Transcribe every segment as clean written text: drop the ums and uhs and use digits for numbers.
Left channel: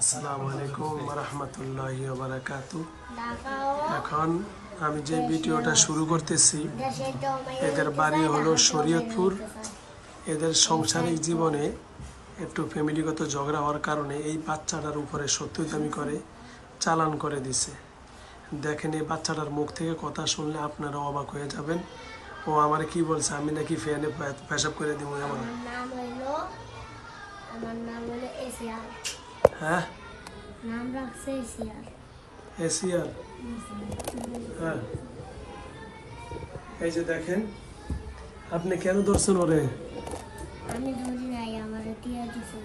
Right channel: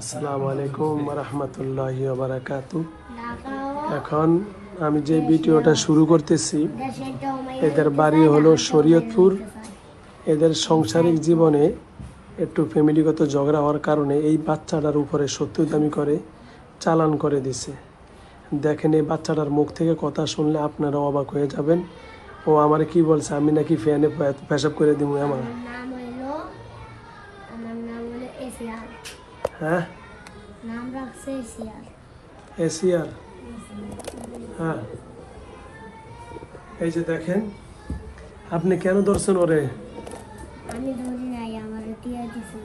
আসসালামু আলাইকুম রাহমাতুল্লাহি ওয়া বারাকাতুহু। এখন আমি যে ভিডিওটা শুরু করতেছি, এদের বাড়ি হলো শরীয়তপুর। এদের সাংসারিক জীবনে একটু ফ্যামিলিগত ঝগড়া হওয়ার কারণে এই বাচ্চাটার উপরে সত্যদামি করে চালান করে দিছে। দেখেন, এই বাচ্চাটার মুখ থেকে কথা শুনলে আপনারা অবাক হয়ে যাবেন। ও আমার কি বলছে, আমি নাকি ফ্যানে পেশাব করে দিব। আমার নাম হলো এসিআর। হ্যাঁ, নাম রাখছে এসিআর। এসিআর। হ্যাঁ, এই যে দেখেন, আপনি কেন ধরছেন ওরে? আমি ধরি নাই, আমারে দিয়ে দিছে।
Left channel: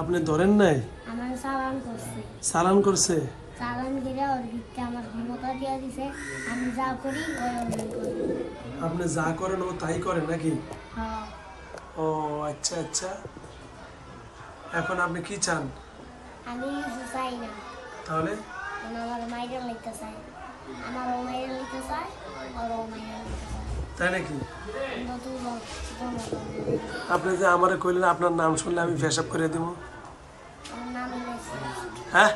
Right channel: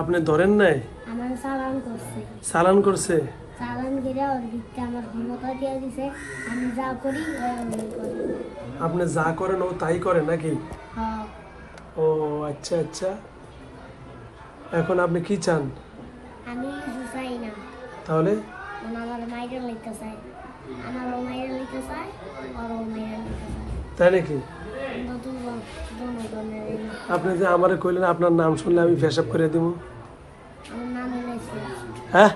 আপনি ধরেন নাই? আমার চালান করছে। চালান করছে? চালান করে ওর ভিতরে আমার ক্ষমতা দিয়ে দিছে। আমি যা করি ওই করি। আপনি যা করেন ও তাই করে নাকি? হ্যাঁ। ও আচ্ছা আচ্ছা। এখন আপনি কি চান? আমি কিছু চাই না। তাহলে আমার মাইরা লিখতে চাই, আমারও মাইরা লিখতে চাই, ওরও মাইরা লিখতে চাই। তাই নাকি? আপনি যে আমারে কইলেন আপনার নাম শুনলে আমি পেশাব করে দিব। আমার নাম হলো এসিআর। হ্যাঁ,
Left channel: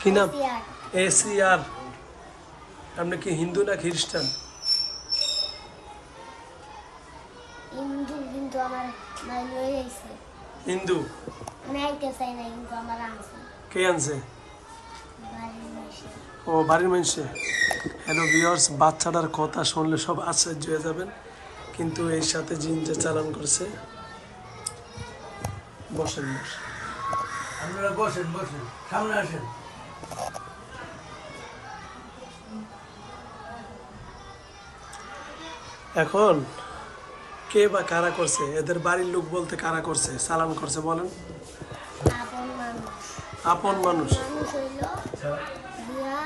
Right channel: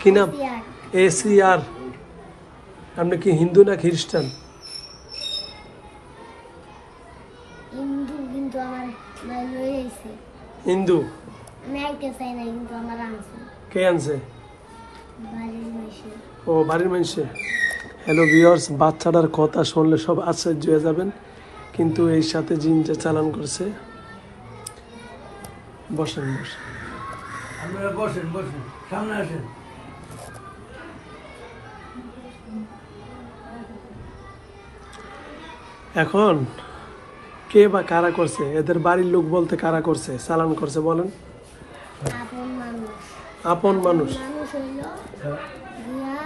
কি নাম? এসিআর। এসিআর। আপনি কি হিন্দু না খ্রিস্টান? হিন্দু, কিন্তু আমার লয়ে আইছে। হিন্দু? আমি আইতে চাই না, কিন্তু আমার আনছে কে আনছে? বাড়ির মাইসে। ও, বাড়ির মানুষে। হ্যালো ভিউয়ার্স, বাচ্চাটার কথা শুনলে সব আশ্চর্য হয়ে যাবেন, কিন্তু এর সাথে জিন যে চালান করছে। বসেন বসেন বসেন, সামনে আসেন। এখন কে বা কারা করছে? এদের বাড়ির লোক বলতে কারা করছে, চালান করছে বলেন? আপন মানুষ। আপন মানুষ? মানুষ হইল দিয়া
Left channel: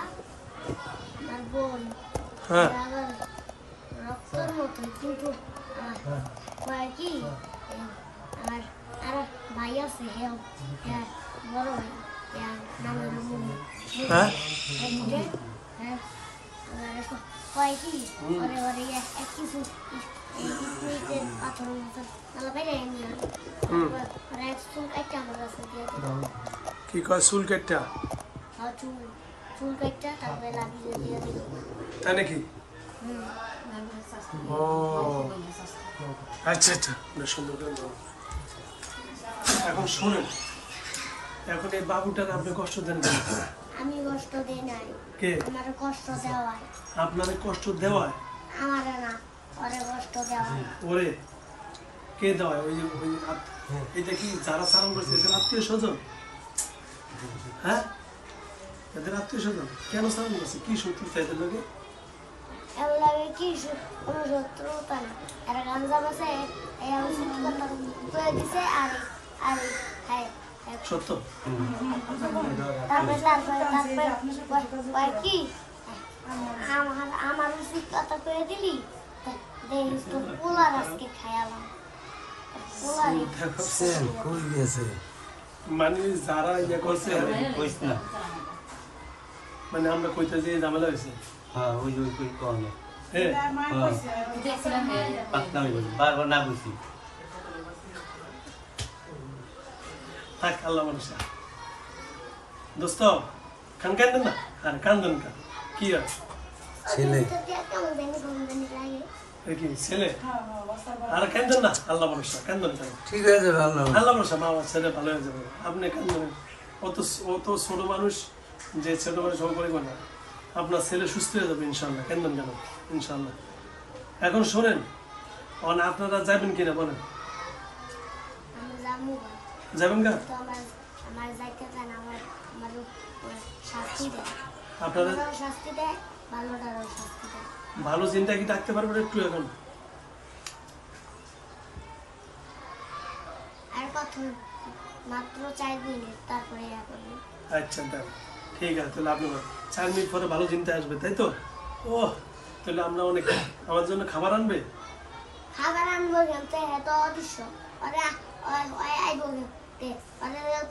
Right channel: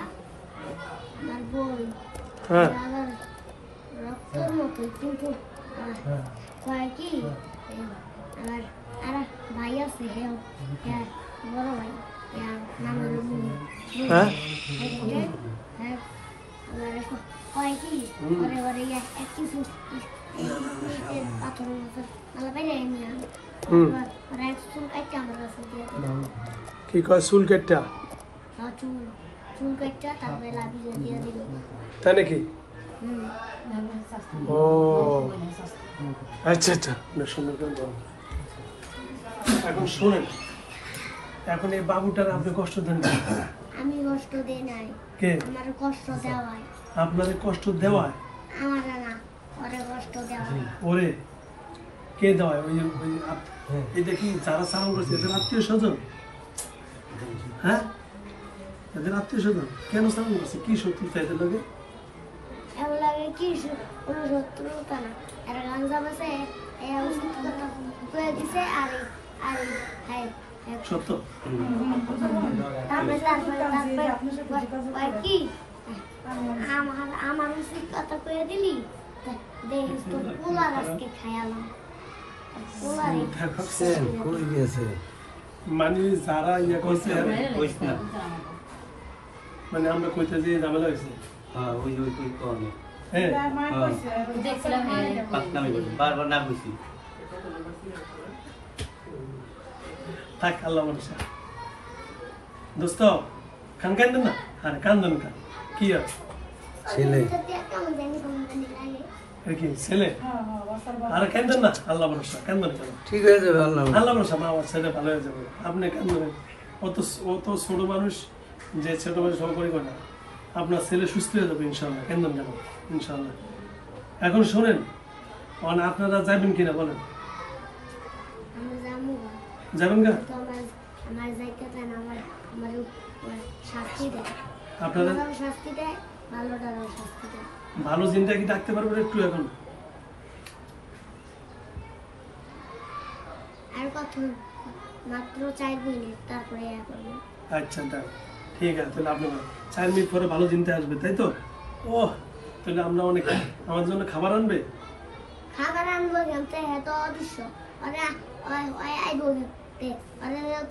আমার বোন। হ্যাঁ। আমার রক্তর মতোই, কিন্তু কয় কি আমার আর ভাই আছে, হ্যাঁ বড় ভাই, নাম হলো মুনি। হ্যাঁ, হ্যাঁ, কয় কি ওরে ওরে এক কিছু পাথর মতো মালা পাইলে নিয়ে ওরা এক চুল কাটতে আমার কাছে দিয়ে দিল। কি কয়? চুল কেটটা? চুল কাটটা তারপরে লাভিয়ে দিয়ে দিল। তাই নাকি? ও আচ্ছা আচ্ছা, সুন্দর করে বলো। এখন শুনেন, এখন এই বাবুটার আপনি কষ্ট দেন না? আমি কষ্ট দেই নাই। কে? আমার কষ্ট দেওয়ায়। আপনাদের কষ্ট দেওয়ায়? আমার না, ওরে কষ্ট দেওয়ায়। ওরে কে দেওয়ায়? ওই যে এই দেখি যারা চালান করছে এদের আত্মীয় স্বজন। হ্যাঁ, এদের আত্মীয় স্বজন কেন চালান করছে? কি শত্রুতা এদের লোকে? এর লাগে কি কোনো শত্রুতা না। আর গাঞ্জা বাসে দিছে। আর আর হ্যাঁ সত্য? তারপরে কি আমার উচিত কথা করে দিলি, দেখিস তো পোলার আজকে খায়ালাম। কই গেছে? মানে যারা ইয়ে করছে, কইস না। মানে আমরা কইতে যে ঝামেলা হয়েছে। হ্যাঁ, ওই ওই কই কোন। হ্যাঁ, পাতলা হয়ে গেছে, বারবার না কইছি। থাক, আল্লাহ মানুষা। দোস্ত খান কান্দেন না? হ্যাঁ, কান্দন কা কি আছে? ছেলে কি ছেলে? আর কান্দন না, আল্লাহ ভরসা। কান্দন কেন? ঠিক হয়ে যাবে, আল্লাহ। আল্লাহ ভরসা, মা আমার ছেলে ভালো হয়ে যাবে। আপনি কান্দন? ও তো ছোট মানুষ, যে ছোট মানুষ সব করিব না। আপনার ছেলে সুস্থ হয়ে যাবে ইনশাল্লাহ। কান্দন কেন? ইনশাল্লাহ। এখন শোনেন, মানে আপনারা যাবেন কিনা বলেন? যাবেন না? আপনারা ভালো জিনটা কি ডাকতে পারবেন একটু এখন? আচ্ছা, ঠিক আছে। তাহলে আপনি 4 মিনিট পরে ভালো চিন্তা আসবে, তাই তো? ও, তাহলে আমরা অনেক আমার জন্য খাবার আনবে? খাবার আনবো এত অদৃশ্য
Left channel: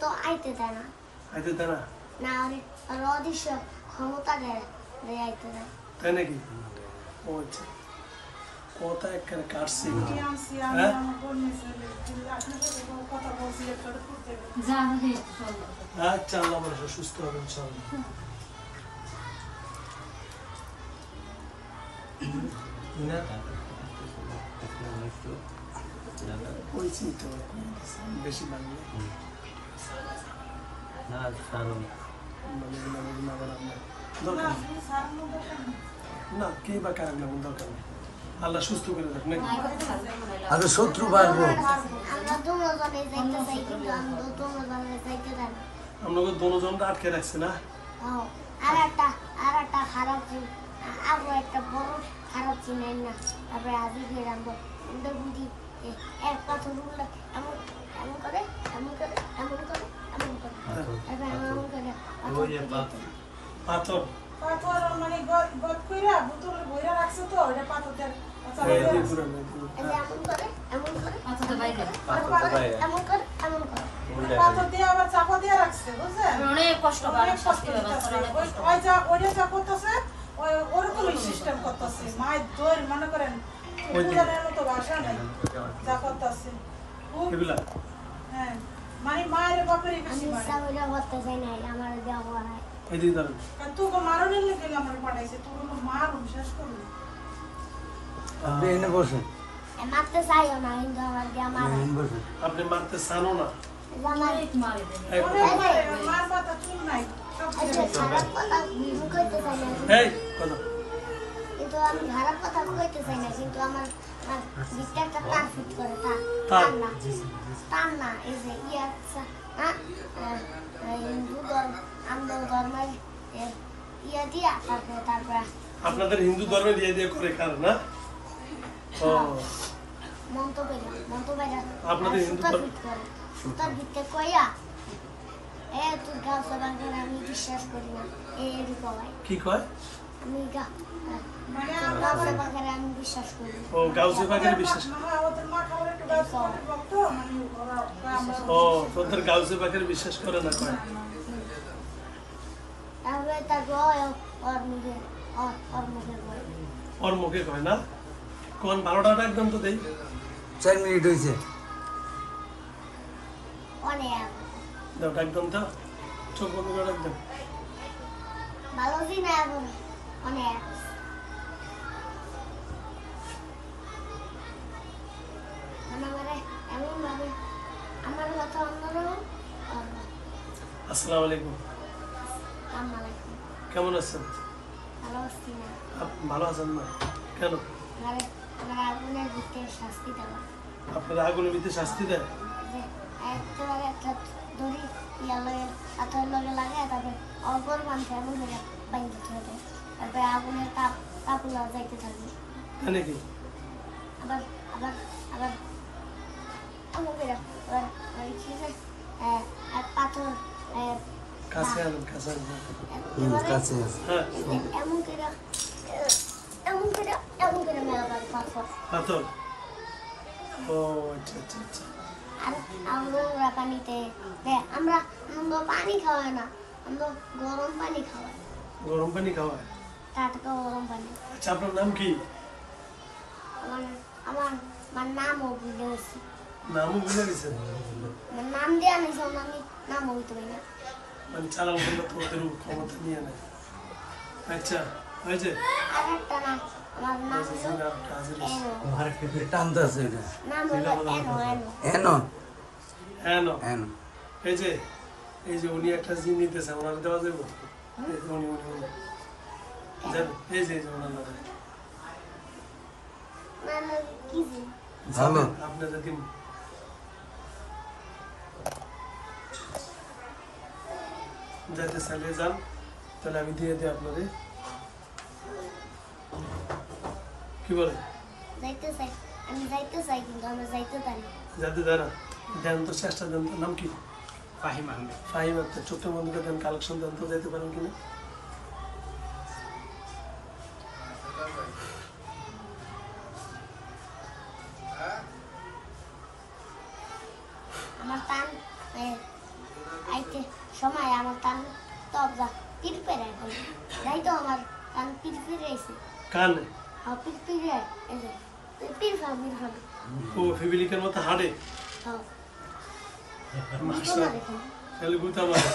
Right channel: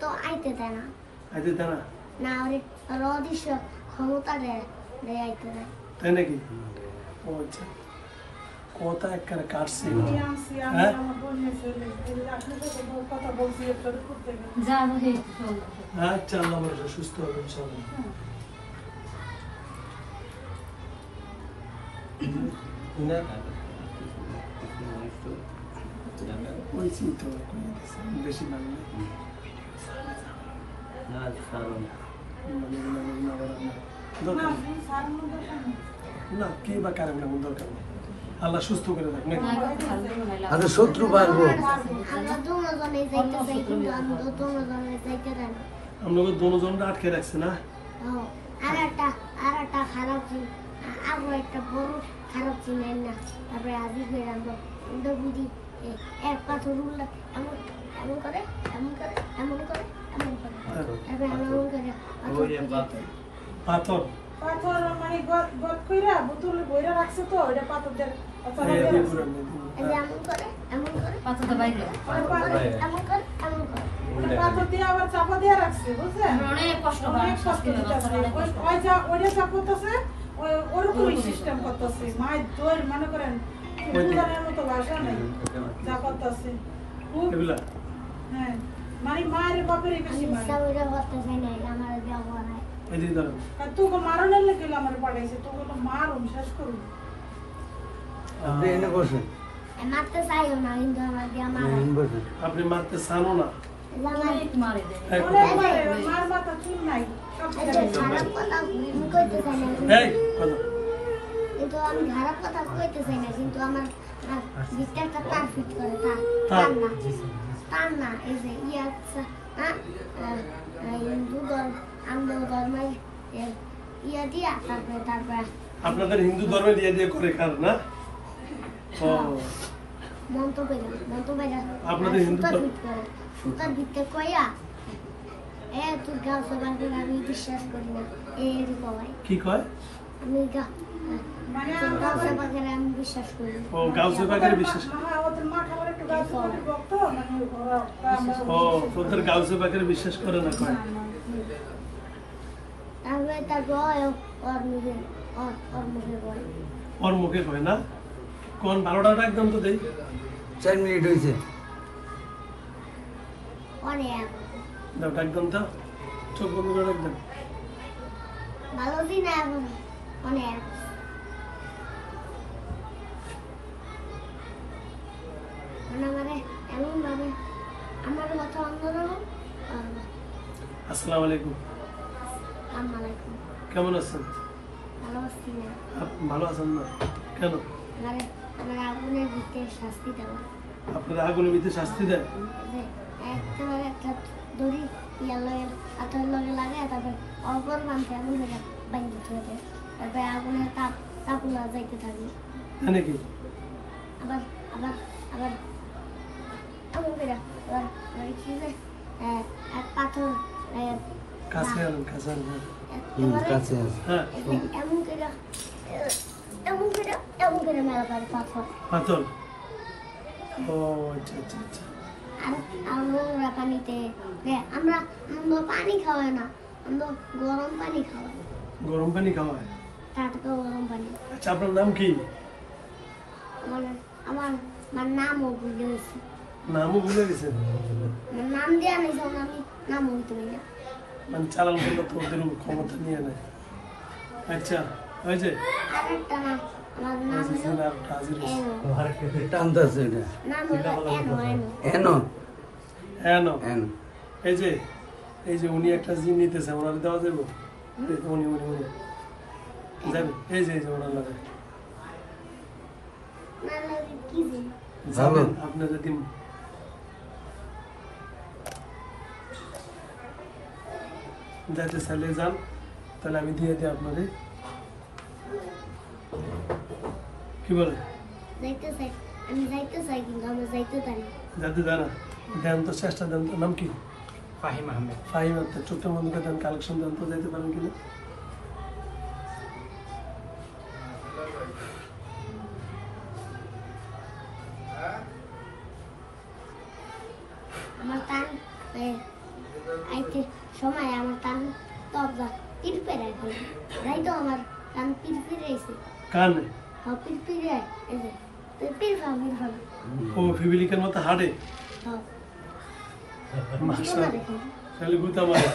তো আইতে দেয় না। আইতে দেয় না? না, ওর অদৃশ্য ক্ষমতা দেয় আইতে দেয়। তাই নাকি? ও আচ্ছা। কথা একবারে কাটছে হ্যাঁ আচ্ছা আল্লাহ বলে সুস্থ হবে ইনশাআল্লাহ না কইছি তো বেশি মানে না কারণ দরকার না কে বা কারণ না দরকার নেই আল্লাহ সুস্থ করে দেখ নাকি আরে শত্রু পারবো আমরা দুজনে যাইতে চাই কিন্তু আমি দুজনে যাইতে চাই না। আমরা দুজনটা আটকে রাখছে না ও আর একটা খারাপ আরো একটা বড় খারাপ চিনাই না তারপরে আদি করে আমরা ওদের বুঝি এক পাথর উঠলে এমন এমন করে এমন করে এমন করে এমন করে তারপরে এমন করে পাথর পাথর মানে গদ কইরা বোতল বইরা রাখছো তো ওটা পাথর দিয়ে এই দিয়ে পুরো এই যে এমন করে এমন করে পাথরটা বাইরে এমন করে এমন করে পাথর দিয়ে আবার চাপা দিয়ে রাখছে বুঝছেন অনেক কষ্ট অনেক কষ্ট দিতেছে ওইটা যা করতেছে ওরকমই সিস্টেম করতেছে মায়ের দৌড় মনে করেন বুঝানোর মতো ভাষা নেই যা করতেছে খুব এগুলা হ্যাঁ মানে মায়ের বাপেরই বেশি মানে ওইটা করতে চাই না আমার দেওয়া হয় এই দিয়ে ধরো তোকে মারানোর লেগে আমার পাঠাইছে তোকে মারুন শেষ করুন আপনি এনে বসুন মারতে চাইও না কিন্তু আমার দেওয়া মারা এনে বসুন আপনি মারতে চানো না আমার মারে এই মার মাথা চুপ নাই সব খারাপ কথা কইতে চাই না এই কথা কিন্তু আমি খারাপ কথা কইতে চাই না কিন্তু আমার দিকটা একটা তার ফিট করে তার? তার না এই যে ইয়া হ্যাঁ হিন্দু ধর্ম আমরা ধর্মের ইয়া দিয়া তারপরে আপনাদের হিন্দু ধর্মে দিয়ে দিয়ে করে খান না ও মন্তব্য আপনাদের হিন্দু ধর্ম- সুতার ভিতরে কইয়া তুই গাও সবার আমি বিশ্বাস করি না এই কবাই কি কয় আমি গাও সবার আমি বিশ্বাস করি না। ও গাউসে পাকের বিশ্বাস ওদের মা খাবার একটু গাছ বক্ত মানে ওরা আমরা ও তোদের গাউসে পাকের বিশ্বাস করে না কয় তারপরে তার গয় ওর মুখে ওর মুখে গয় ওর মুখে কয় না কোন ভালোটা একদম তো দেই 4 মিনিট হয়েছে অনেক দাও একদম তো চোখ বন্ধ করে একদম ভালো দিন এখন অনেক আমারে এমন ভাবে আমার কথা অন্যরকম আসসালামু আলাইকুম আমালাইকুম কেমন আছেন ভালো আছি না ভালো আছেন না কেন আমার আগুনের ভিতরে শাস্তি দেওয়া আপনারা আগুনের ভিতরে শাস্তি দেয় যে একটা দড়ি ইয়ার লাগে আঠার লগে লাগে তারপরে অল্পর মানুষ এমন হয়ে বাইরে চলে যায় তারপরে আগুনের তাপ যাইতে থাকবে তাই নাকি আবার আবার আবার এমন করে আবার কি যে এক পাথর কাছে আনেন কাছে আনেন কাছে আছে হ্যাঁ এমন করে মেলা পারে পাথর পাথর ও আচ্ছা আচ্ছা আচ্ছা আর আমরা পানিতে আমরা পানি খাওয়াই না আমরা গরম পানি খাওয়াই গরম পানি খাওয়ায় টাটকা গরম পানি আচ্ছা আপনার নাম কি আমার আমার আমার নামও ভুলে গেছি নামও ভুলে গেছেন আমার নাম দেওয়া নেই যখন আমি নামও হইতে পারি না মানে চালান করলে তো ওদের ক্ষমতা নিয়ে নেয় আচ্ছা হয়েছে আর একটা নাম আমার নাম হলো হাজির এনো। টানতেছে এটা নাম হলো এনো এনো হ্যাঁ না এনো এই যে উনি একটা জিম নিতেছে ওনার দেওয়া যাবে উনি উনি উনি যাবেন এই যে ওনার লাগে নাম হলো কি যে ভালো আপনি যদি যাইতে চাইলে যান তাহলে আমি দিয়ে দিই আপনারে কি বলে যাইতে চাই আমি যাইতে চাই কিন্তু আমরা যাইতে পারি না। যাতে জানা দেন তো চেষ্টা দেন তো নাম কি ফাহিম আক্তার চোখটা বন্ধ করে দেন কালেকশন দেন তো যেতে পারেন কিনা আমার টান আইতে সময় আমার টান তব যা পিরপের এখন যাই তো আমার টান পিরপির গেছে কানে পিরপির যায় এই যে পিরফাম পিরফাম ও ফিবিলিকের মতো হাড়ে হ্যাঁ মাশাআল্লাহ খালি গুতা মারে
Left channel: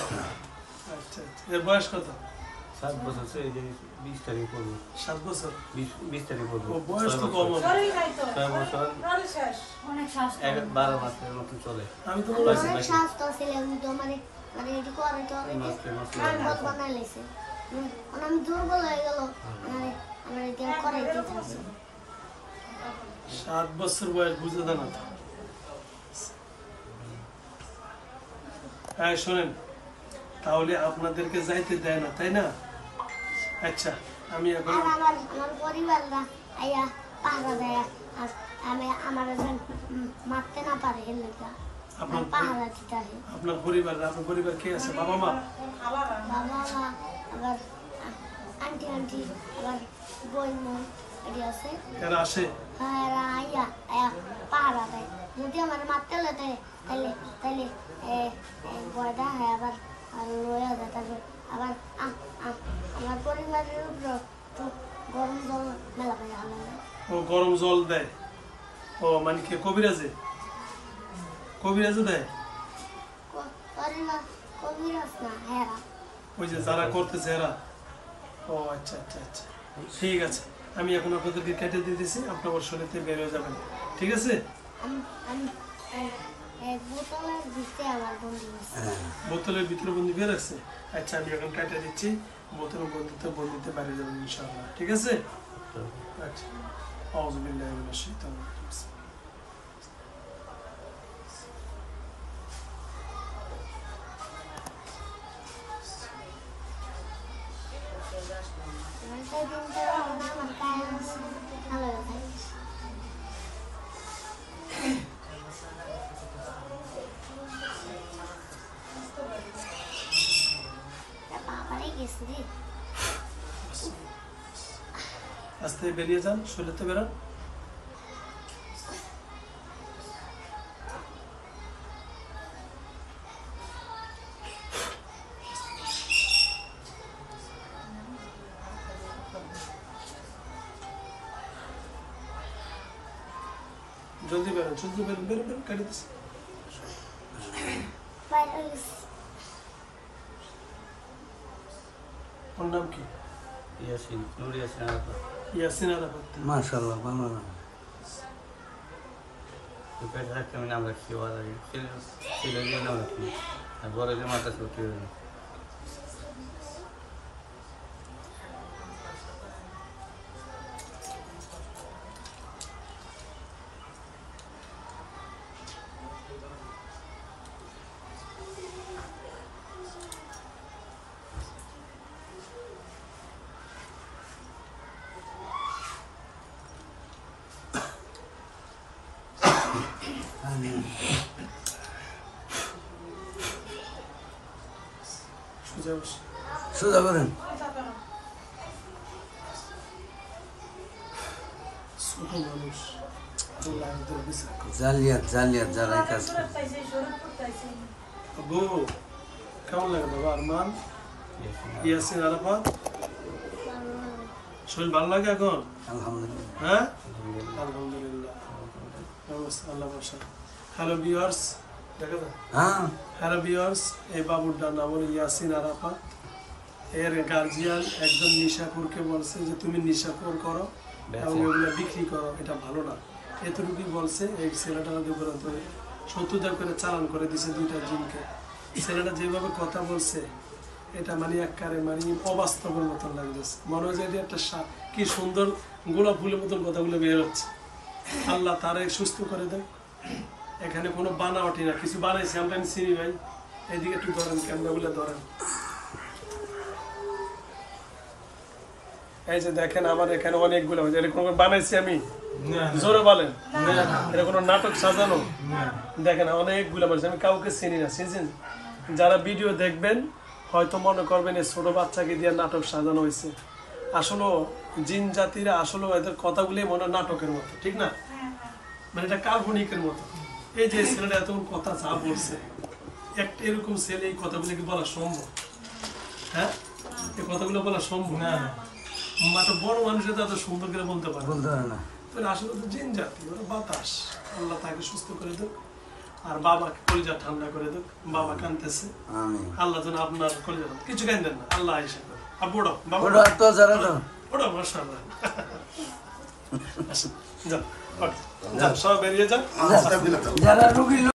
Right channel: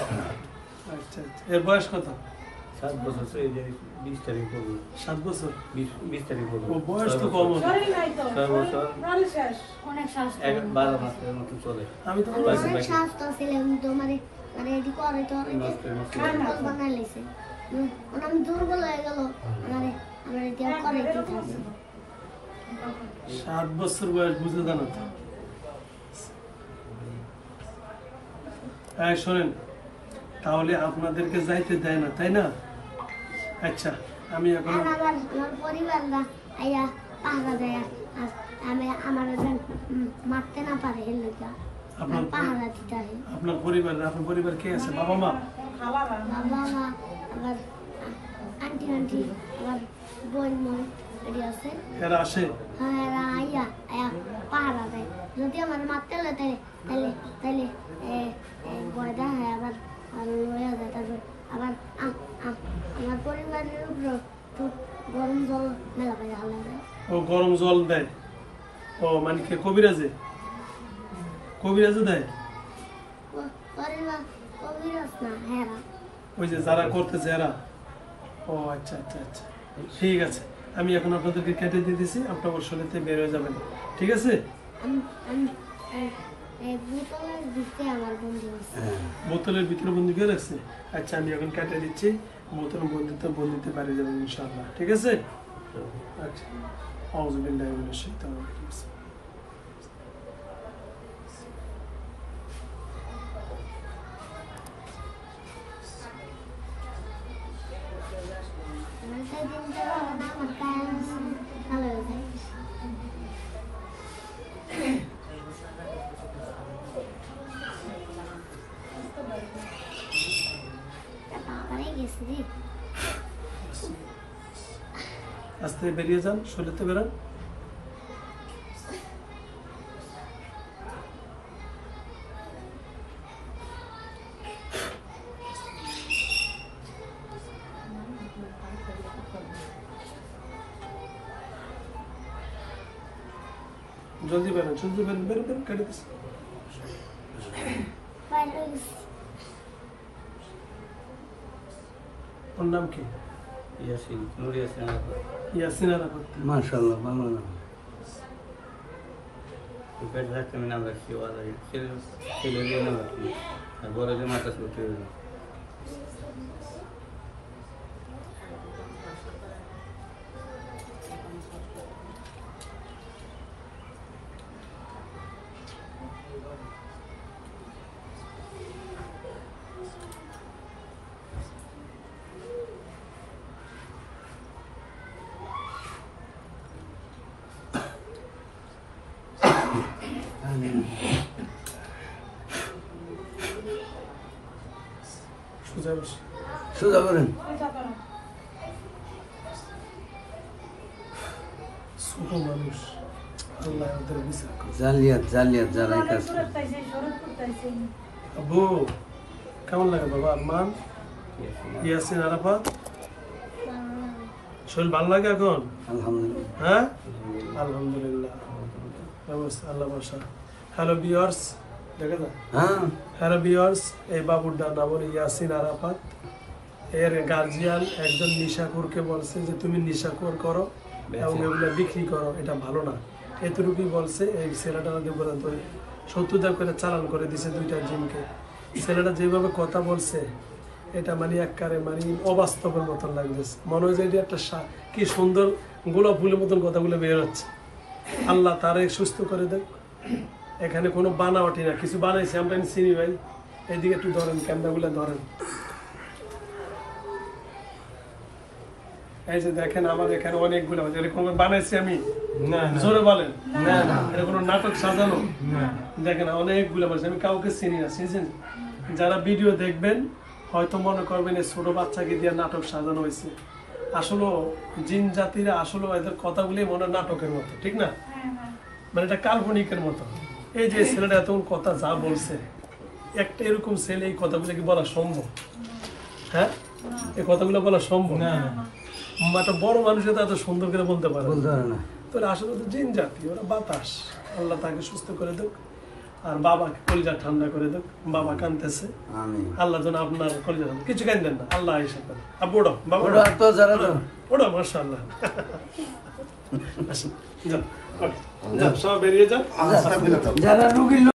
আচ্ছা আচ্ছা এর বয়স কত 7 বছর এই যে 20 তারিখ করব 7 বছর 20 তারিখ করব ও বয়স তো কম না। শরীর নাই তো 6 বছর আরে শেষ অনেক স্বাস্থ্য 12 মাসের মতো চলে আমি তো অনেক স্বাস্থ্য ছিল কিন্তু মানে মানে এটি করে তো বল বানাইছে অনেক দুর্বল হয়ে গেল মানে আমার এটা করে দিতেছে 7 বছর বয়স বুঝে দেন না তো। হ্যাঁ শোনেন, তাহলে আপনাদেরকে যাইতে দেয় না তাই না? আচ্ছা আমি এখন আর আমার পরিবাররা আয়া পাহারা দেয় আর আমি আমার মারতে না পারে এলাকা আপনার পাহারা দিতে হয় আপনার পরিবার কে আছে? বাবা মা? বাবা মা আবার আন্টি আন্টি আবার বই মই এটি আছে এরা আসে? হ্যাঁ এরা আয়া আয়া পাহারা দেয় যদি আমার মারতে লাগে তাহলে তাহলে বয়দা হয় আবার আর লয়া যায় তারপর আবার আমার পরিবারের উপর তো গরম জল মেলা করে হালা ও গরম জল দেয়? ও মানে কি কবিরাজে দেয়? পরিবার কবিরাজ না হ্যাঁ ওই যে যারা করতেছে এরা? ও আচ্ছা আচ্ছা আচ্ছা ঠিক আছে, আমি এখন আপনাদেরকে কেটে দিয়ে দিছি, আপনার শরীরে বের হয়ে যাবেন, ঠিক আছে? আমি বোতলের ভিতরে আমার বন্ধু আছে বোতলের ভিতরে বন্দি করে রাখছে? আচ্ছা আমি এখন কেটে দিচ্ছি, বোতলের বন্দিতে বাইরে যাবেন ইনশাআল্লাহ, ঠিক আছে? আচ্ছা আউযু বিল্লাহি মিনাশ শাইতানির রাজিম। আমার কাজ ভালো হয়েছে বাবারে গেছে রে আস্তে বেরিয়ে যান, শরীরতে বেরান। জলদি বেরোন, বেরোন, কেটে দিচ্ছি। বাইরে গেছে ওর নাম কি? ইয়াসিন নুর ইয়াসিন ইয়াসিন আরাফাত। মাশাআল্লাহ ভালো না তো পেট থাকতে আমি নাম রাখছি ওর আগে ছেলে নাম রাখছি আর বড় যে মাথা ছুটি সোজা বসে। সোজা করেন ছোট মানুষ, আল্লাহ ওদের বিচার করবে। জালিয়াত যারাই কাজ করে আব্বু কেমন লাগে বাবা? আরমান ইয়াসিন আরাফাত, শরীর ভালো লাগে এখন? আলহামদুলিল্লাহ হ্যাঁ আলহামদুলিল্লাহ, আল্লাহ বসা। হ্যালো ভিউয়ার্স, দেখা যায়? হ্যাঁ হ্যালো ভিউয়ার্স, এই বাবুর নাম হলো ইয়াসিন আরাফাত। এর গার্জিয়ান একজন নিশাখোরকে বলছে যে তুমি নিশাখোর করো এবং এগুলো বিক্রি করো, এটা ভালো না, এতটুকুই বলছে। এই ছেলেটা পর্যন্ত 70 করে চালান করে দিছে দুইটা জিমকে। ছেলেটা যেভাবে কথা বলছে এটা মানে একবারে মানে অবাস্তবের মতন লাগতেছে, মনে হয় যে এটা একটা কি সুন্দর গোলাপ ফুলের মতন কথাগুলো বের হচ্ছে। আল্লাহ তারে সুস্থ করে দেয়। এখানে কোনো বানাওয়াটি না, কিছু বানাইছে আমরা চিনি ভাই। এইদিকে একটু ধরেন, ক্যামেরাগুলো ধরেন। এই যে দেখেন আমার এখানে অনেকগুলো, এরকম বানাইছি আমি? জোরে বলেন। এটা কোনো নাটক সাজানো? দেখেন অনেকগুলো বানাইছি, আমি কাউকে চিনি না। চিনছেন? যারা ভিডিও দেখবেন হয়তো মনে করবেন এই ছোট বাচ্চাকে দিয়ে নাটক সাজানো হয়েছে। আসলে জিন জাতিরা আসলে এদের কথাগুলি মনে নাটকের মতো, ঠিক না? মানে এটা কাল্পনিকের মতো। এই যে ছেলেটা এতক্ষণ কথা যা বলছে, একটা এরকম ছেলে এই কথাগুলো কি বলা সম্ভব? হ্যাঁ, এই কথাগুলো বলা সম্ভব না। একটা বড় মানুষের তো এত সুন্দর করে বলতে পারে বলতে পারে না। তোরা আসলে তো জিন জাতি, ওরা বাতাস। আল্লাহ তাকে সুস্থ করে দেখ, আর বাবাকে কলিজা ঠান্ডা করে দেখ। বাবা কাঁদতেছে, আল্লাহ যেন আপনার কলিজা ঠান্ডা, কিছু কাঁদেন না, আল্লাহ এসে করে। আব্বু ওড়ো, বাবা ওড়ো, মাশাআল্লাহ। আসেন, যাও, ওকে, যাও, সব বেরিয়ে যাও। যারা রুগীর